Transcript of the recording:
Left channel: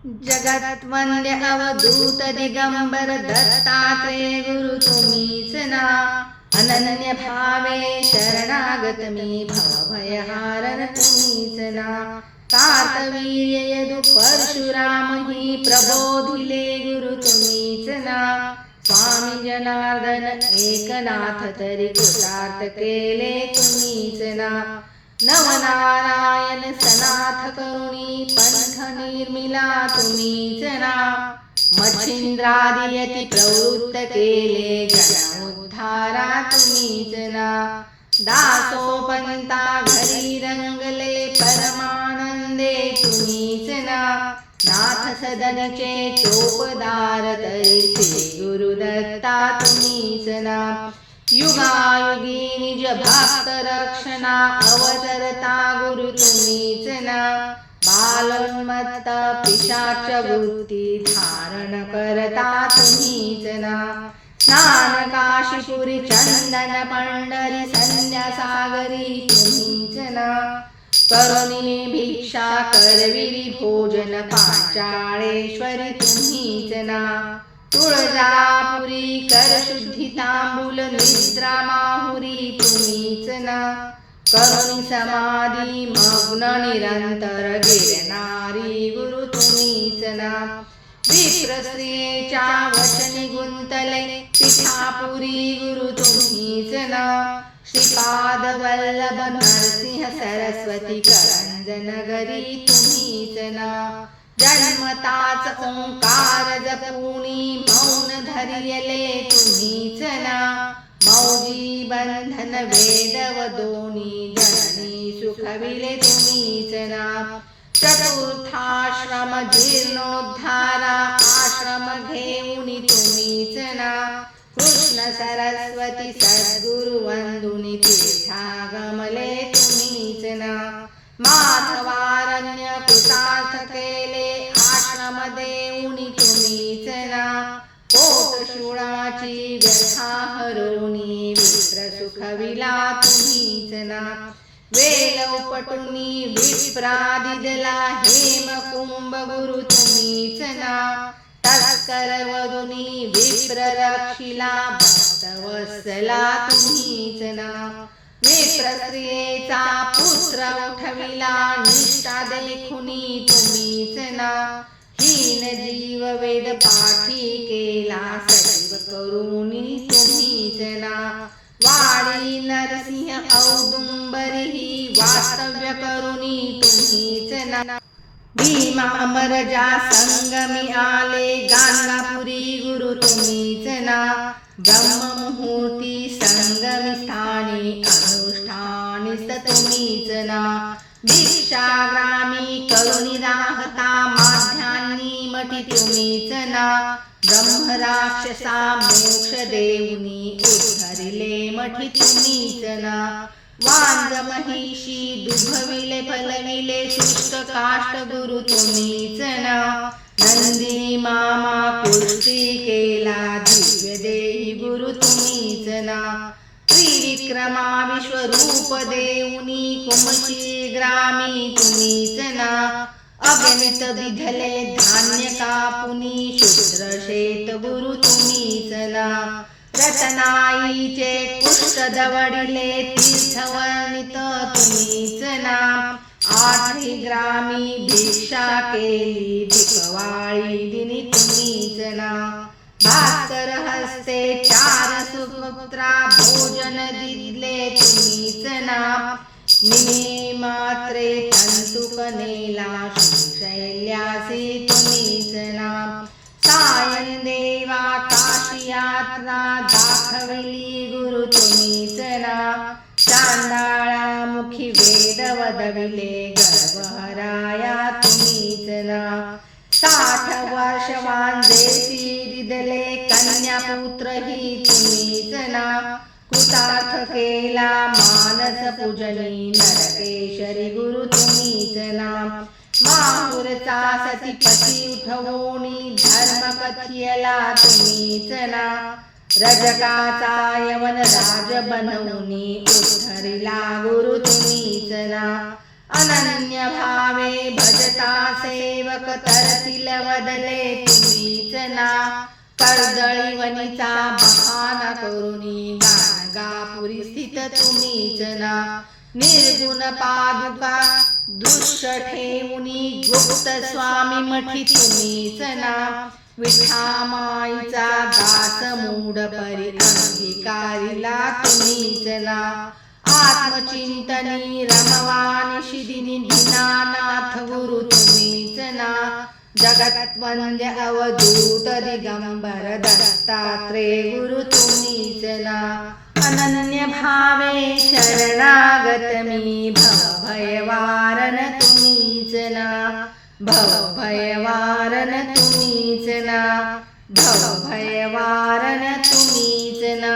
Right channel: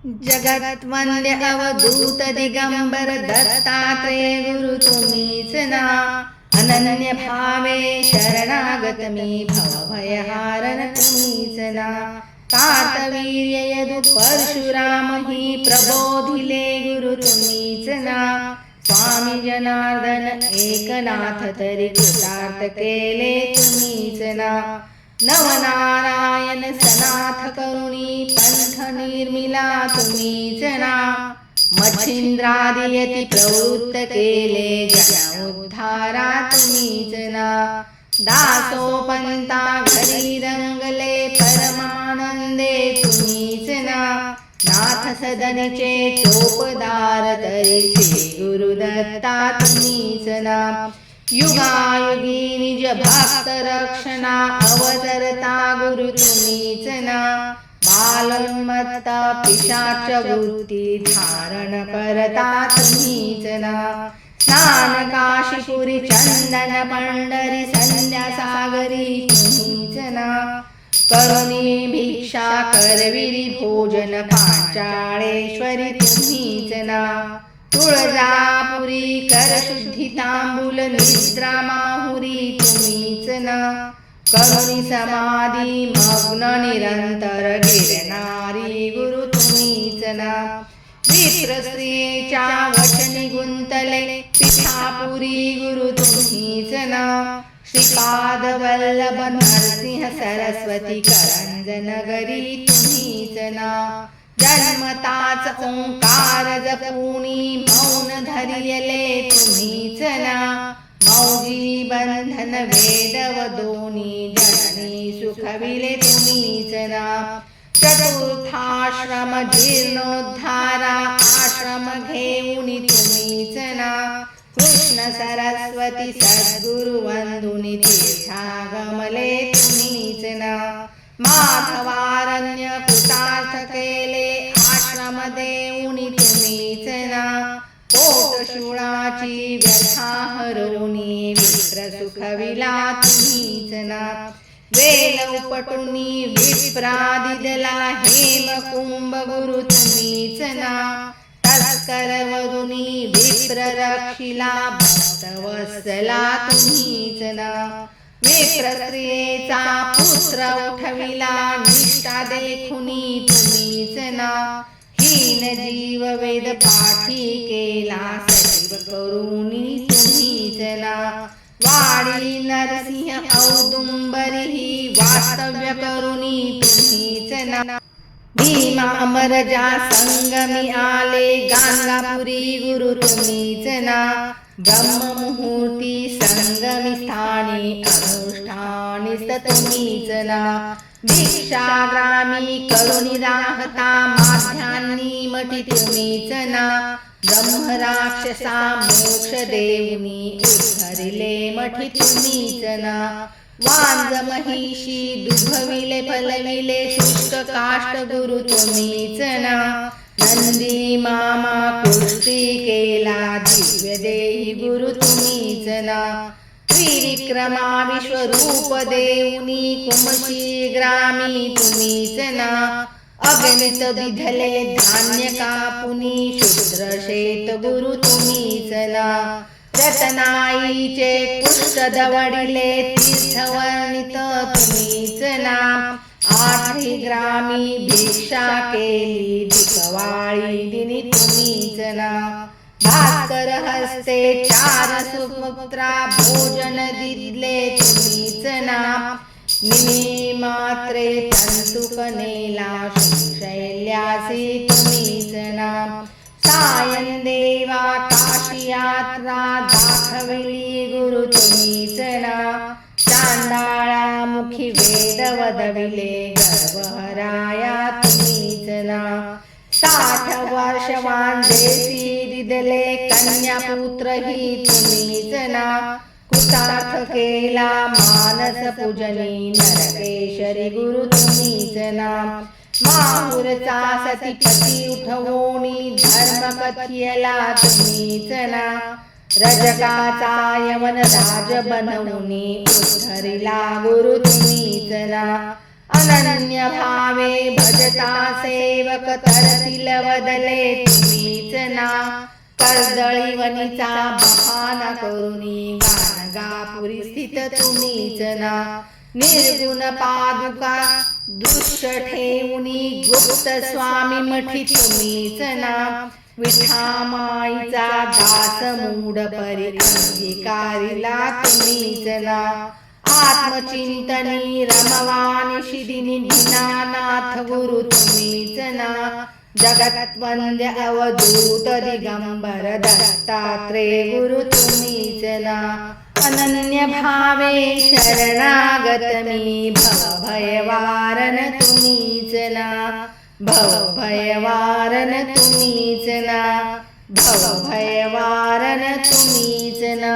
जगत वंद्य अवधूत दिगंबर दत्तात्रेय गुरु तुम्हीच ना. अनन्य भावे शरणागत मी भवभयहारन तुम्हीच ना. कार्तवीर्य यदु परशुराम ही प्रबोधिले गुरु तुम्हीच ना. स्वामी जनार्दन एकनाथ तरी कृतार्थ केले तुम्हीच ना. नवनारायण सनाथ करुणी पंथ निर्मिला तुम्हीच ना. मच्छिंद्रादियती प्रवृत्त केले जगोद्धारा तुम्हीच ना. दासोपंता घरी रंगले परमानंदे तुम्हीच ना. नाथ सदनीचे चोपदार तरी श्री गुरुदत्ता तुम्हीच ना. युगायुगी निज भक्त रक्षणा अवतरता गुरु तुम्हीच ना. बालोन्मत्त पिशाच वृत्ती धारण करता तुम्हीच ना. स्नान काशीपुरी चंदन पंढरी संध्या सागरी तुम्हीच ना. करुणी भिक्षा करविरी भोजन पांचाळेश्वरी तुम्हीच ना. तुळजापुरी कर शुद्धी तांबूल निद्रा माहुरी तुम्हीच ना. करुणी समाधी मग्न निरंतर गिरणारी गुरु तुम्हीच ना. विप्र स्त्रियेच्या वचनी गुंतले पिठापुरी गुरु तुम्हीच ना. श्रीपाद वल्लभ नरसिंह सरस्वती करंजनगरी तुम्हीच ना. जन्मताच ओंकार जपुनी मौन धरियले तुम्हीच ना. मौजी बंधन वेद व दोनी जननी सुखविले तुम्हीच ना. चतुर्थाश्रम जीर्णोद्धारा आश्रम घेऊनी तुम्हीच ना. कृष्ण सरस्वती सद्गुरु वंदुनी तीर्थागमले तुम्हीच ना. माधवारण्य कृतार्थ केले आश्रम देऊनी तुम्हीच ना. पोटशूळाची व्यथा हरुनी विप्र सुखविला तुम्हीच ना. वेल उपटुनी विप्रादिदला हेमकुंभ गुरु तुम्हीच ना. तस्कर वरुनी विप्र रक्षिला भक्तवत्सला तुम्हीच ना. विप्र स्त्रियेचा पुत्र उठविला निष्ठा देखुनी तुम्हीच ना. हीन जीव वेद पाठी केला सजीव करुणी तुम्हीच ना. वाडी नरसिंह औदुंबरी वास्तव्य करुणी तुम्हीच ना. भीमा अमरजा संगमी आले गाणगापुरी गुरु तुम्हीच ना. ब्रह्ममुहूर्ती संगमी स्थानी अनुष्ठानी तुम्हीच ना. भिक्षाग्रामी करुणी राहता माध्यान्नी मठी तुम्हीच ना. ब्रह्म राक्षसा मोक्ष देऊनी उद्धरिले मठी तुम्हीच ना. वांज महिषी दुभविले फलविले शुष्क काष्ट गुरु तुम्हीच ना. नंदी मामा कुस्ती केला दिव्य देही गुरु तुम्हीच ना. त्रिविक्रमा विश्वरूप देऊनी कुमशी ग्रामी तुम्हीच ना. अगणित विधले धान्य कापुनी शूद्र शेत गुरु तुम्हीच ना. रतनाईचे कुष्ठ दवडिले तीर्थवर्णित तुम्हीच ना. 8 ग्रामी भिक्षा केली दिपवाळी दिनी तुम्हीच ना. भास्कर हस्ते 4 सुपुत्रा भोजन दिले तुम्हीच ना. निमी मात्रे पंतुक नेला शैल्यासी तुम्हीच ना. सायन देवा काशी यात्रा दाखविली गुरु तुम्हीच ना. चांडाळा मुखी वेद वदविले गर्भहराया तुम्हीच ना. 60 वर्षवान देशी दिदले कन्यापुत्र ही तुम्हीच ना. कृतार्थ केला मानस पूजनी नरकेशरी गुरु तुम्हीच ना. माहुरचा सतीपती उठवोनी धर्म कथियला तुम्हीच ना. रजकाचा यवन राज बनवूनी उद्धरिला गुरु तुम्हीच ना. अनन्य भावे भजता सेवक तरतील वदले तुम्हीच ना कर्दळी वनीचा बहाना करुणी गाणगापुरी स्थित तुम्हीच ना निर्गुण पादुका दृश्य ठेवणी गुप्त स्वामी मठी तुम्हीच ना विठामाईचा दास मूढ परी अंगीकारिला तुम्हीच ना आत्मचिंतनी रमवानी शिदिनी दीनानाथ गुरु तुम्हीच ना जगत वंद्य अवधूत दिगंबर दत्तात्रेय गुरु तुम्हीच ना अनन्य भावे शरणागत मी भवभयवारन तुम्हीच ना भवभयवारन तुम्हीच ना भवभयवारन तुम्हीच ना।